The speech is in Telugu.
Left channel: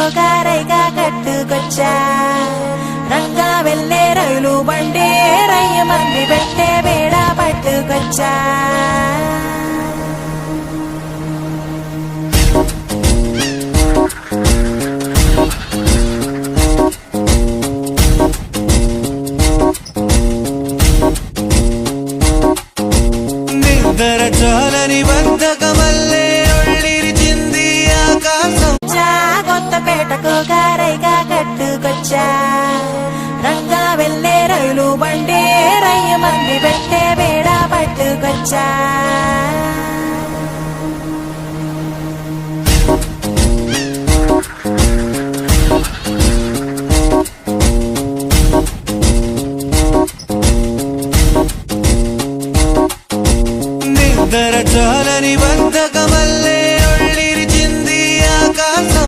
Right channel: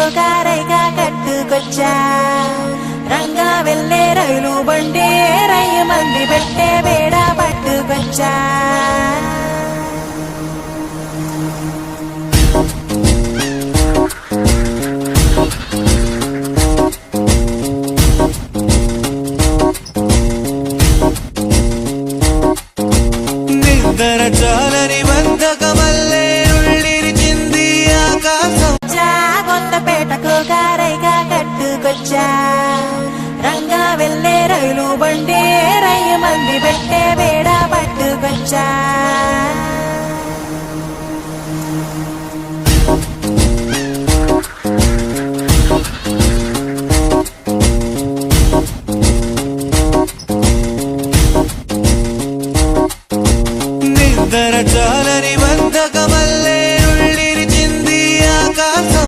పెట్టకు కారైగా కట్టుకొచ్చా రంగా వెళ్ళే రైలు బండి రయ్య మంది పెట్టే బేడ పట్టుకొచ్చా నిద్ర చాలని బద్ధకమల్లే ఉళ్ళిరిచింది ఆకాశం కొత్తపేటకు కారైగా కట్టుకొచ్చా రంగా వెళ్ళే రైలు బండి రయ్య మంది పెట్టే బేడ పట్టుకొచ్చా